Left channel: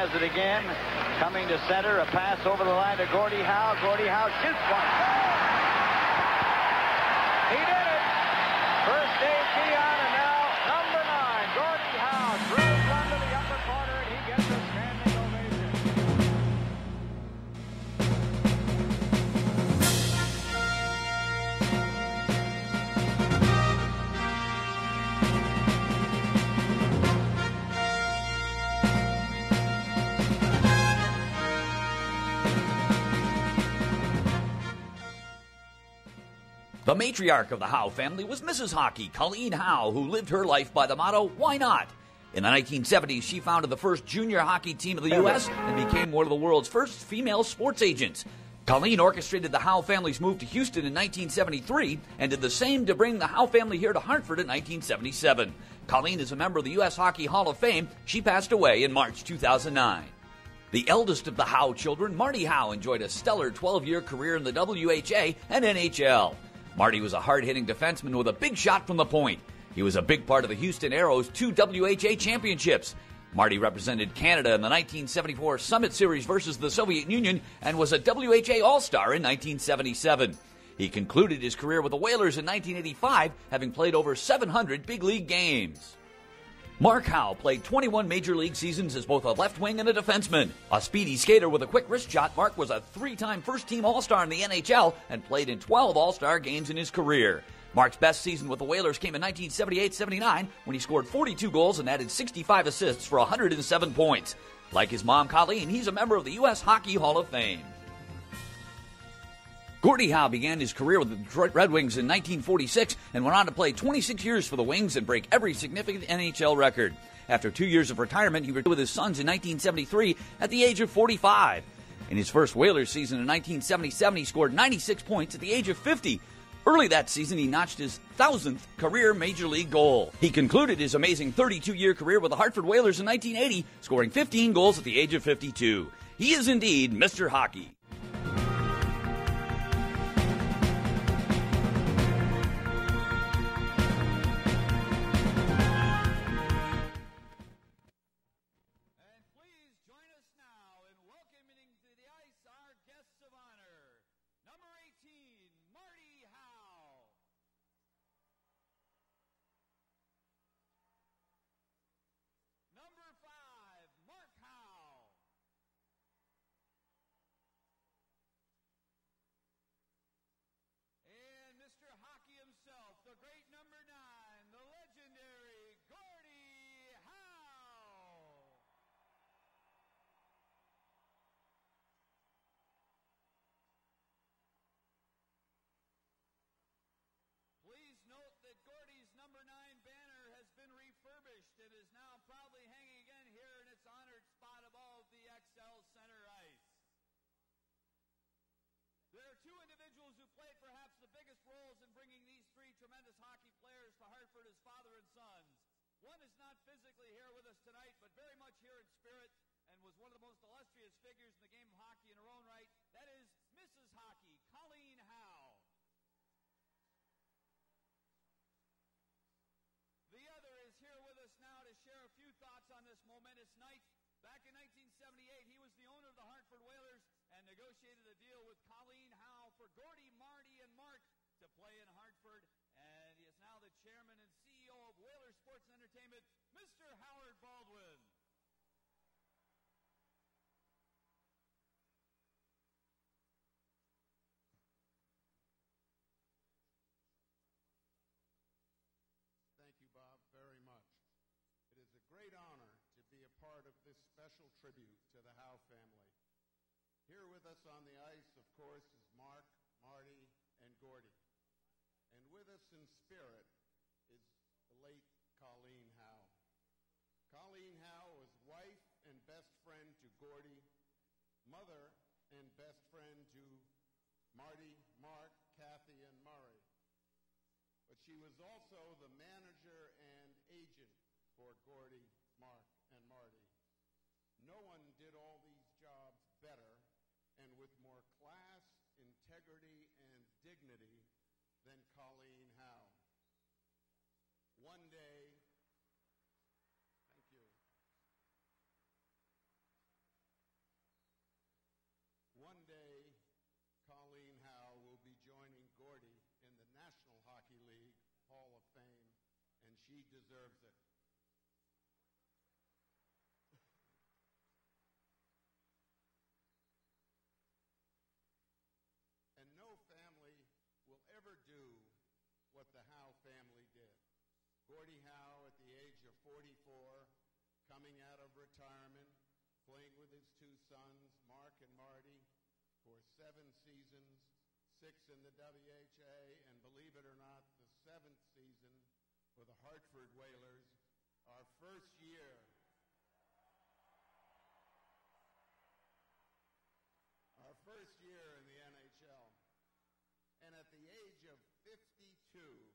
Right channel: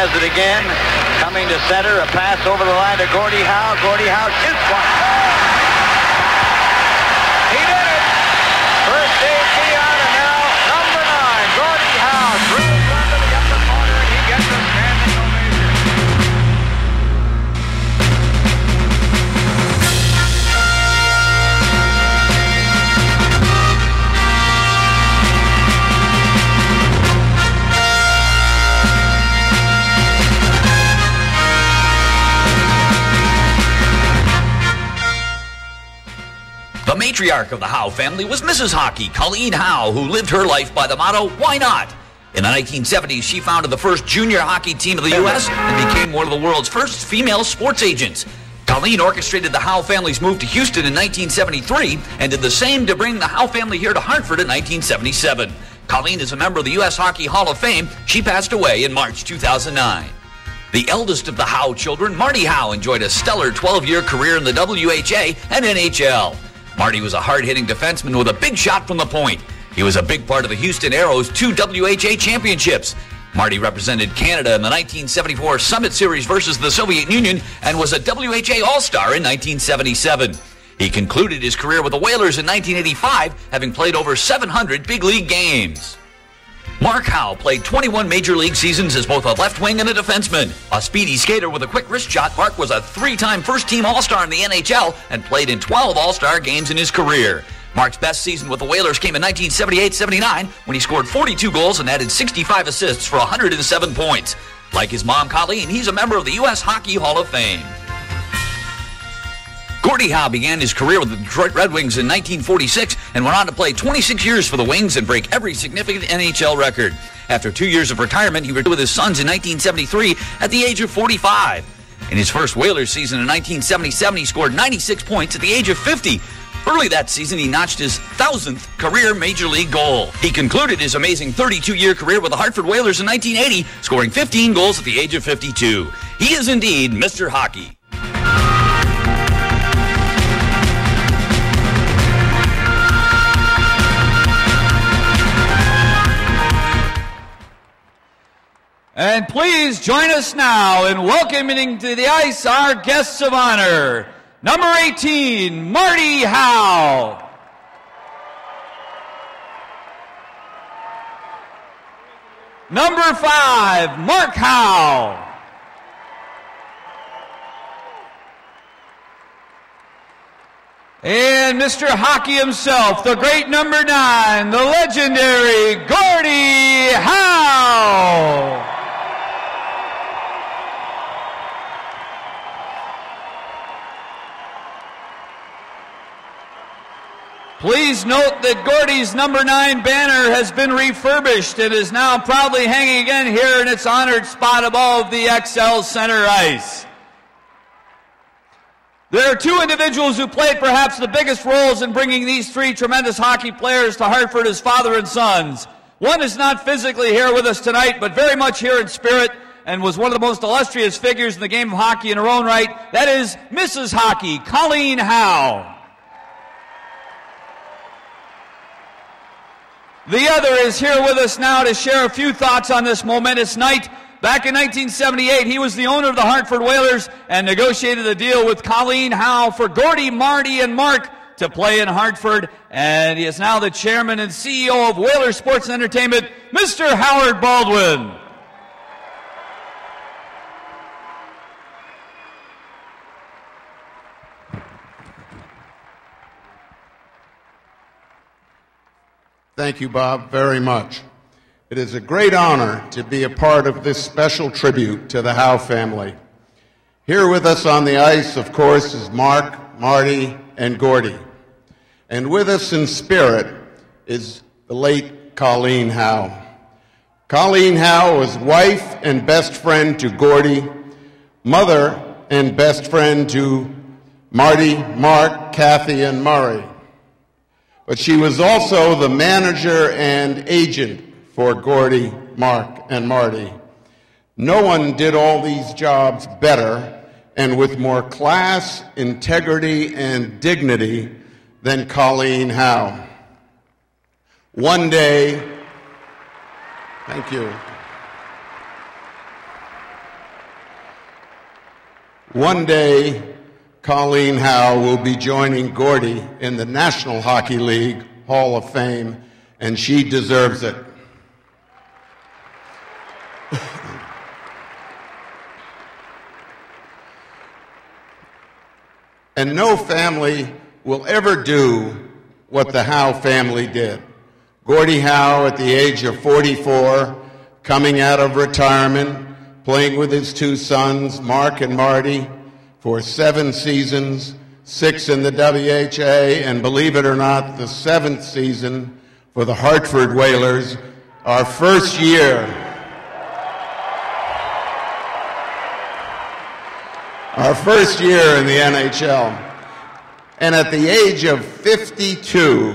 has it again. Coming to center, a pass over the line to Gordie Howe. Gordie Howe shoots one. He did it! First safety on, and now number 9, Gordie Howe drills into the upper corner, and he gets a standing ovation. The matriarch of the Howe family was Mrs. Hockey, Colleen Howe, who lived her life by the motto, why not? In the 1970s, she founded the first junior hockey team of the U.S. and became one of the world's first female sports agents. Colleen orchestrated the Howe family's move to Houston in 1973 and did the same to bring the Howe family here to Hartford in 1977. Colleen is a member of the U.S. Hockey Hall of Fame. She passed away in March 2009. The eldest of the Howe children, Marty Howe, enjoyed a stellar 12-year career in the WHA and NHL. Marty was a hard-hitting defenseman with a big shot from the point. He was a big part of the Houston Aeros' 2 WHA championships. Marty represented Canada in the 1974 Summit Series versus the Soviet Union and was a WHA All-Star in 1977. He concluded his career with the Whalers in 1985, having played over 700 big league games. Mark Howe played 21 Major League seasons as both a left wing and a defenseman. A speedy skater with a quick wrist shot, Mark was a 3-time first-team All-Star in the NHL and played in 12 All-Star games in his career. Mark's best season with the Whalers came in 1978-79 when he scored 42 goals and added 65 assists for 107 points. Like his mom, Colleen, he's a member of the U.S. Hockey Hall of Fame. Gordie Howe began his career with the Detroit Red Wings in 1946 and went on to play 26 years for the Wings and break every significant NHL record. After 2 years of retirement, he retired with his sons in 1973 at the age of 45. In his first Whalers season in 1977, he scored 96 points at the age of 50. Early that season, he notched his 1,000th career Major League goal. He concluded his amazing 32-year career with the Hartford Whalers in 1980, scoring 15 goals at the age of 52. He is indeed Mr. Hockey. And please join us now in welcoming to the ice our guests of honor. Number 18, Marty Howe. Number 5, Mark Howe. And Mr. Hockey himself, the great number 9, the legendary Gordie Howe. Please note that Gordie's number 9 banner has been refurbished and is now proudly hanging again here in its honored spot above the XL center ice. There are 2 individuals who played perhaps the biggest roles in bringing these 3 tremendous hockey players to Hartford as father and sons. One is not physically here with us tonight, but very much here in spirit, and was one of the most illustrious figures in the game of hockey in her own right. That is Mrs. Hockey, Colleen Howe. The other is here with us now to share a few thoughts on this momentous night. Back in 1978, he was the owner of the Hartford Whalers and negotiated a deal with Colleen Howe for Gordie, Marty, and Mark to play in Hartford. And he is now the chairman and CEO of Whalers Sports and Entertainment, Mr. Howard Baldwin. Thank you, Bob, very much. It is a great honor to be a part of this special tribute to the Howe family. Here with us on the ice, of course, is Mark, Marty, and Gordie. And with us in spirit is the late Colleen Howe. Colleen Howe was wife and best friend to Gordie, mother and best friend to Marty, Mark, Kathy, and Murray. But she was also the manager and agent for Gordie, Mark, and Marty. No one did all these jobs better and with more class, integrity, and dignity than Colleen Howe. One day, thank you. One day, Colleen Howe will be joining Gordie in the National Hockey League Hall of Fame, and she deserves it. And no family will ever do what the Howe family did. Gordie Howe, at the age of 44, coming out of retirement, playing with his two sons, Mark and Marty, for 7 seasons, 6 in the WHA, and believe it or not, the 7th season for the Hartford Whalers, our first year. Our first year in the NHL. And at the age of 52,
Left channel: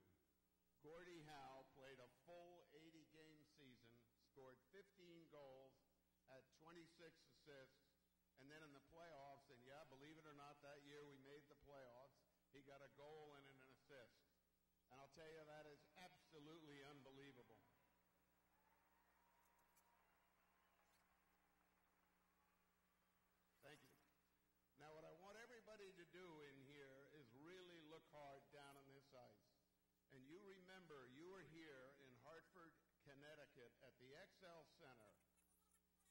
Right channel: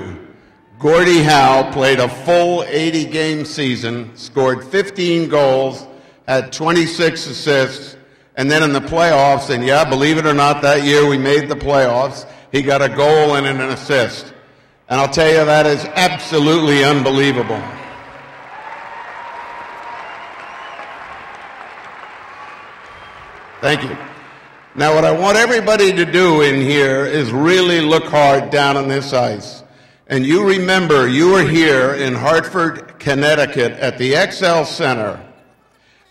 Gordie Howe played a full 80-game season, scored 15 goals, had 26 assists, and then in the playoffs, and yeah, believe it or not, that year we made the playoffs, he got a goal and an assist. And I'll tell you, that is absolutely unbelievable. Thank you. Now, what I want everybody to do in here is really look hard down on this ice. And you remember, you were here in Hartford, Connecticut at the XL Center,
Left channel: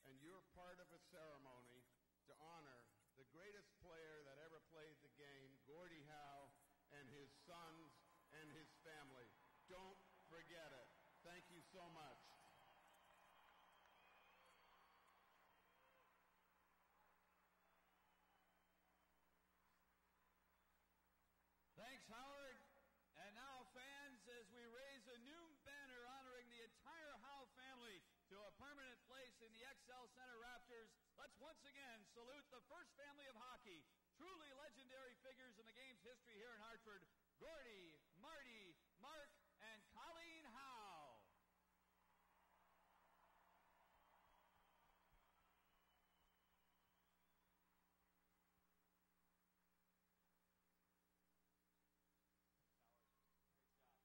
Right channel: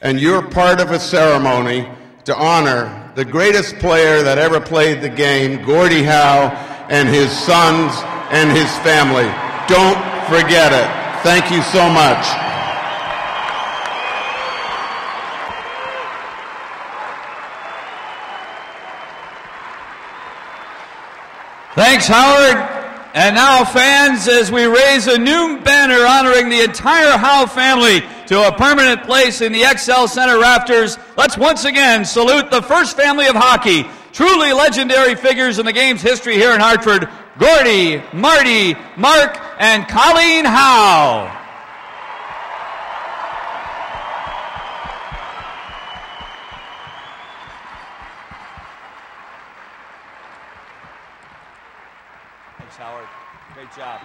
and you're part of a ceremony to honor the greatest player that ever played the game, Gordie Howe, and his sons and his family. Don't forget it. Thank you so much. Thanks, Howard. And now, fans, as we raise a new banner honoring the entire Howe family to a permanent place in the XL Center rafters, let's once again salute the first family of hockey, truly legendary figures in the game's history here in Hartford, Gordie, Marty, Mark, and Colleen Howe. Thanks, Howard. Great job.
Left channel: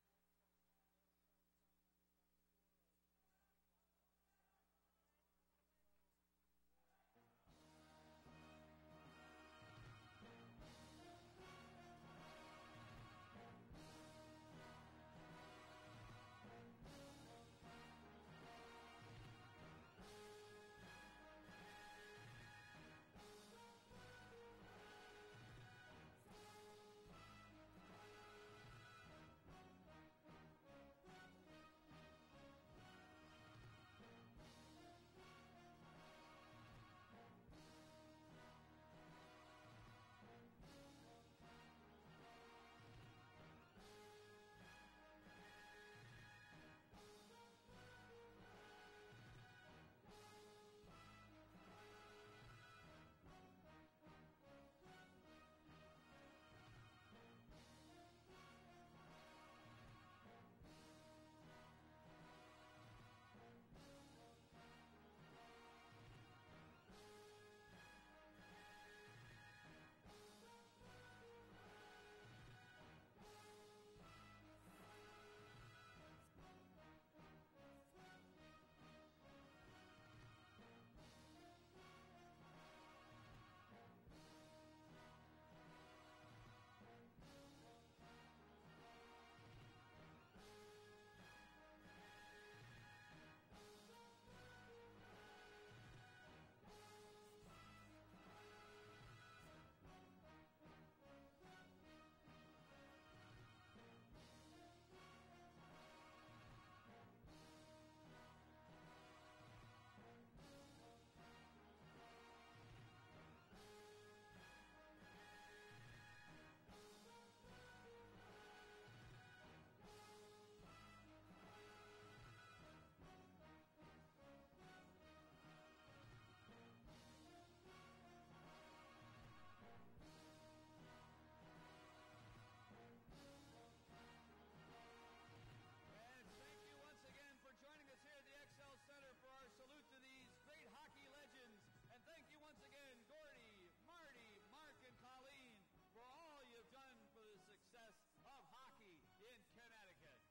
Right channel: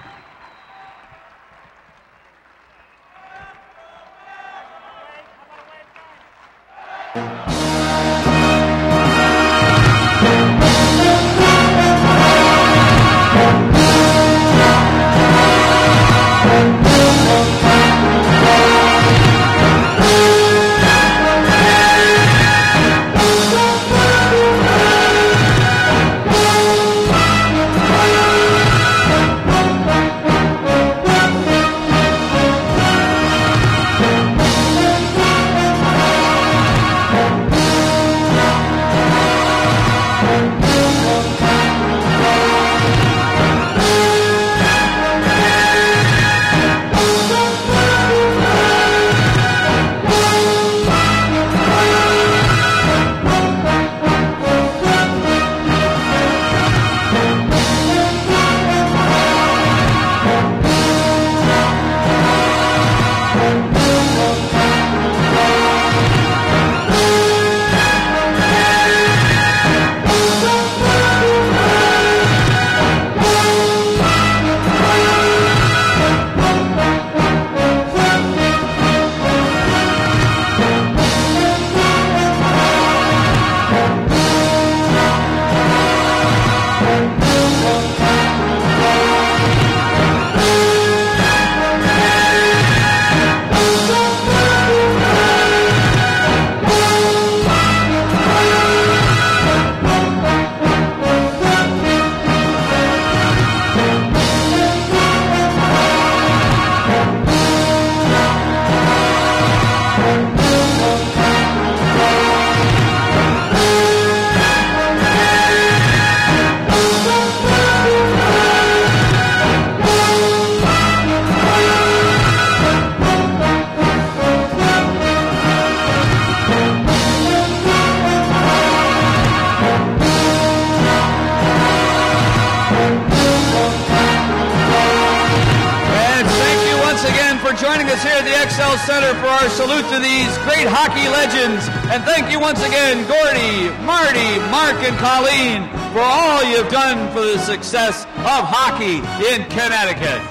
Joining us here at the XL Center for our salute to these great hockey legends. And thank you once again, Gordie, Marty, Mark, and Colleen, for all you've done for the success of hockey in Connecticut.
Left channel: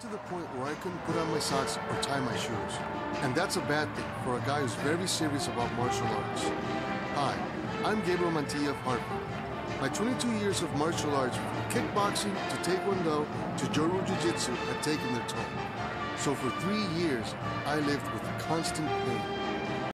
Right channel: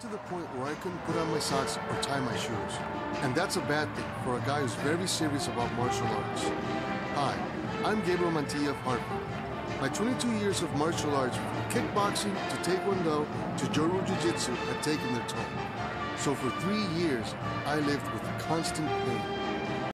got to the point where I couldn't put on my socks or tie my shoes. And that's a bad thing for a guy who's very serious about martial arts. Hi, I'm Gabriel Mantilla of Hartford. My 22 years of martial arts, from kickboxing to taekwondo to Joru Jiu-Jitsu, had taken their toll. So for 3 years, I lived with constant pain.